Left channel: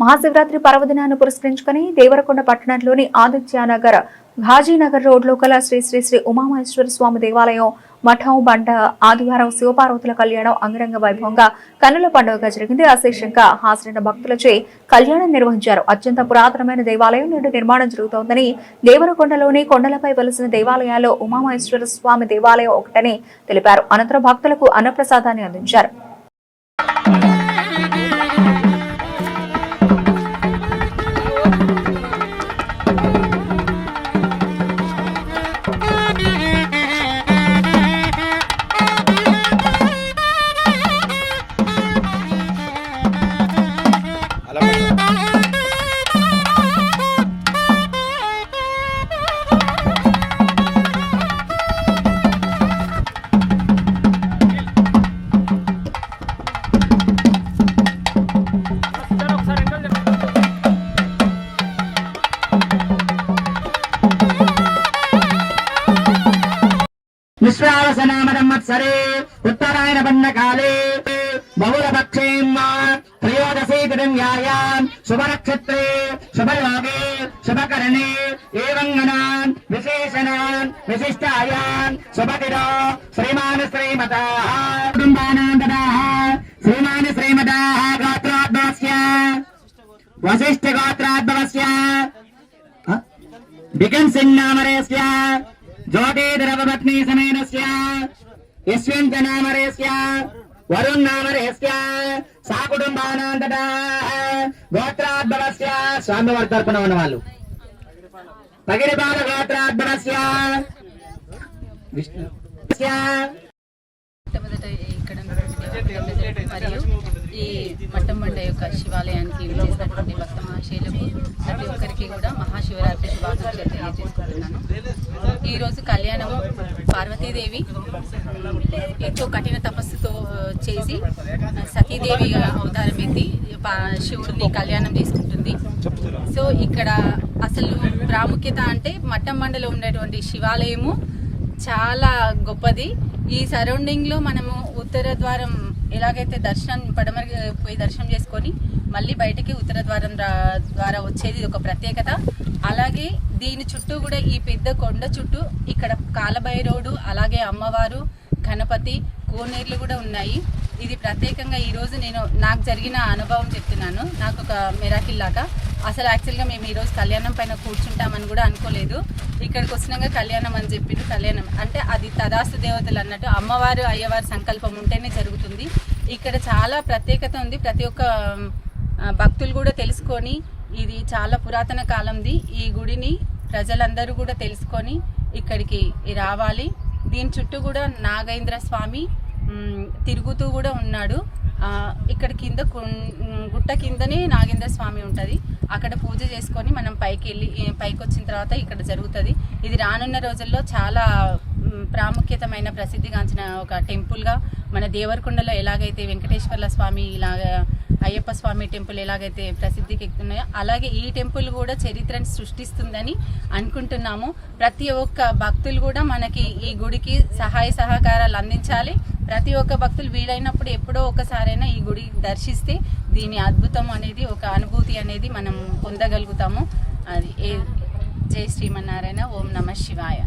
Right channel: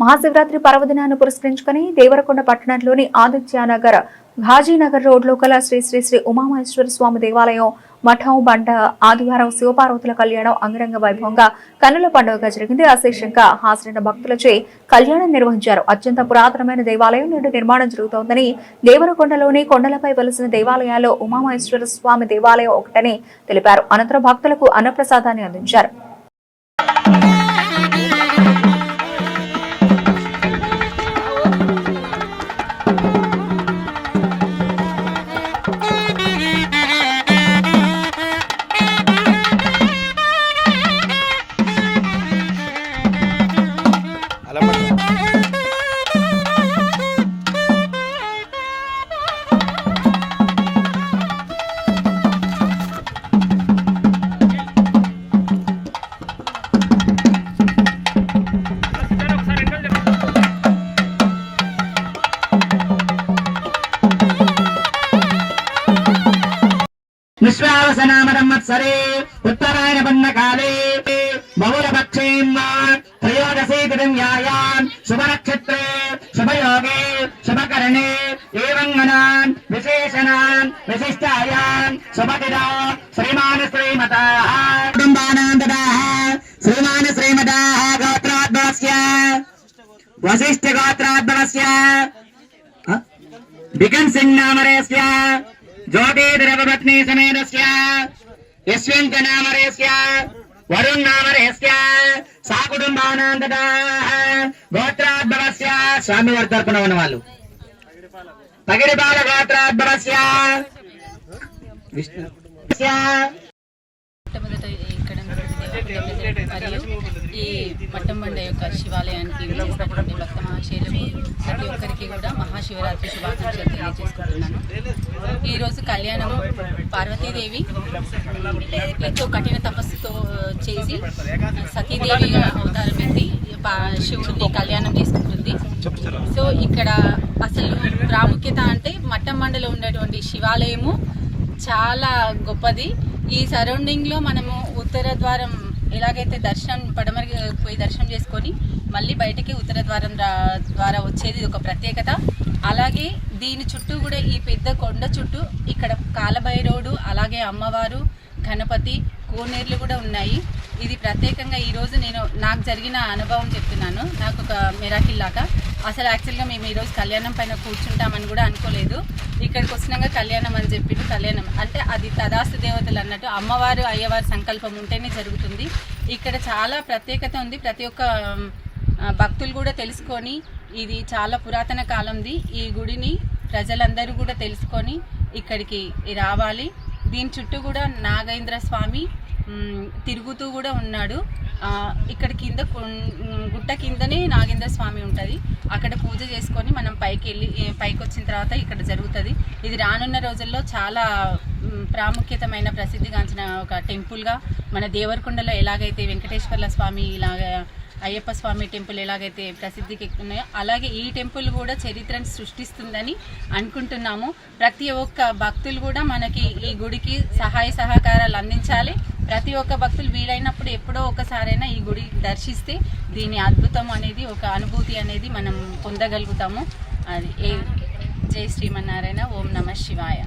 మహాశివరాత్రి పర్వదినాన్ని పురస్కరించుకుని దేవరకొండ పట్టణంలోని ఆదిత్యనగర్ ఘాజీనగర్ రోడ్లో కల శ్రీ శ్రీ శ్రీ ఉమామహేశ్వర స్వామి దేవాలయం మఠం బండ ఆదివారం శివపార్వతుల కళ్యాణం అంగరంగ వైభవంగా కన్నుల పండుగగా జరిగింది. అశేషంగా హాజరైన భక్తులచే కళ్యాణం నిర్వహించారు. అత్యంత పురాతనమైన దేవాలయం నేడు నిర్మాణం జరుగుతోందని, దేవరకొండలోని కొండలపై వెలిసిన దేవాలయాల్లో ఉమామహేశ్వర స్వామి దేవాలయం ఒకటని తెలిపారు. అనంతరం భక్తులకు అన్నప్రసాదాన్ని అందించారు. विश्वावसनामदम्मत्सरे उत्तरायण बन्नकाले बहुलपक्षेम त्रयोदशी तिथियायां शुभनक्षत्रे शुभयोगे शुभकरणे एवं गणान् विशेषणान् विशिष्टायां शुभतिदा श्रीमान् श्रीमताः कुटुम्बानां ददाः श्रीमान् श्रीमताः गोत्राद्भवस्य वसिष्ठ गोत्राद्भवस्य बिगन् सिंह नामरेस्य ज्योतिर्भवपत्नी समेतस्य यशवंत नामरेस्य वरुण नामरेस्य सा कुटुंबानां तथा गोत्राद्भवस्य स्वामी वर्गर्पण वनवालु पगिरिपाल गोत्राद्भवस्य विष्णु మరియు ఈ మట్టంబండ యొక్క శివాలయానికి చేసినటువంటి భక్త మహాశయులకు ప్రతి ఒక్కరికి కూడా మహాశివరాత్రి శుభాకాంక్షలు తెలియజేసుకుంటున్నాను. ఈరోజు కళ్యాణము పార్వతీదేవి ఎంతో కఠిన తపస్సుతో చేసి సతీదేవి అవతారం ఎత్తి శివుడిని కళ్యాణం చేసుకుంటుంది. సో ఇక్కడ అసలు ప్రాముఖ్యత అంటే మట్టంబండలో ఉన్నటువంటి శివాలయము చాలా గొప్పది. ఈ సరౌండింగ్లో మనము ఉత్తర ద్వారం ఎలాగైతే దర్శనం పడమరి పోయి దర్శనం చేసుకొని మళ్ళీ బయటకి ఉత్తర ద్వారం ద్వారా వచ్చేది ఒక ప్రత్యేకత. అలాగే దీని చుట్టూ కూడా ఈ పెద్ద కొండ చుట్టూ ఇక్కడ కాలభైరవుడు, అలాగే అమ్మవారు, గణపతి, కోనేర్లు కూడా ఉన్నాయి. ఇది ప్రత్యేకంగా ఈరోజు నాకు జరిగిన అనుభవం చెప్తున్నాను. నాకు ఒక మిరాకిల్ లాగా. అసలు యాక్చువల్గా మేము ఈరోజు కళ్యాణం పైన కూర్చుంటామని కూడా అనుకోలేదు. ఇక్కడికి వచ్చినాక కళ్యాణం అని చెప్పిండు. కళ్యాణం అంటే అది తదాస్తు దేవతలు అన్నట్టు అమ్మవారు అయ్యవారి సంకల్పం ఉంటేనే జరుగుతుంది. ఇక్కడ చాలా ప్రత్యేకత ఉంది. ప్రతి ఒక్క భక్తులు కూడా తెలుసుకొని ఇది చాలా పురాతన కాలంది. ఈ గుడిని ప్రజలందరూ కూడా తెలుసుకొని ఇక్కడికి రావాలి. దీని చుట్టూ కూడా నాగేంద్ర స్వామి తిరుగుతూ కూడా ఉన్నాడు. ఇక్కడ కింద గుట్ట కిందనే నాగేంద్ర స్వామి ఉంటుంది. అక్కడ పూజ చేసుకొని మనం పైకి వచ్చిన తర్వాత ఇక్కడ జరుగుతుంది. ఇది రానున్న రోజుల్లో చాలా ప్రాముఖ్యతమైన ప్రసిద్ధిగాంచిన ఒక టెంపుల్గా మన దేవరకొండలో ఎలాగైతే వెంకటేశ్వర్ల స్వామి, ఇలాగ అయ్యప్ప స్వామి టెంపుల్ ఎలాగైతే ప్రసిద్ధికి ఎక్కుతున్నాయో అలాగే ఈ టెంపుల్ కూడా చరిత్రను సృష్టిస్తుందని అనుకుంటున్నాము. ప్రతి ఒక్క భక్తులు కూడా మనకి ఈ గుడికి సహాయ సహకారాలు అందించాలి. ప్రతి ఒక్క భక్తులు వీలైనప్పుడు ఎప్పుడో ఒకసారైనా ఈ గుడి దర్శిస్తే దీని అద్భుతం అనేది, ఒక అనుభూతి అనేది మనం పొందగలుగుతాము. అది జై శ్రీమన్నారాయణ. ఓం నమః శివాయ.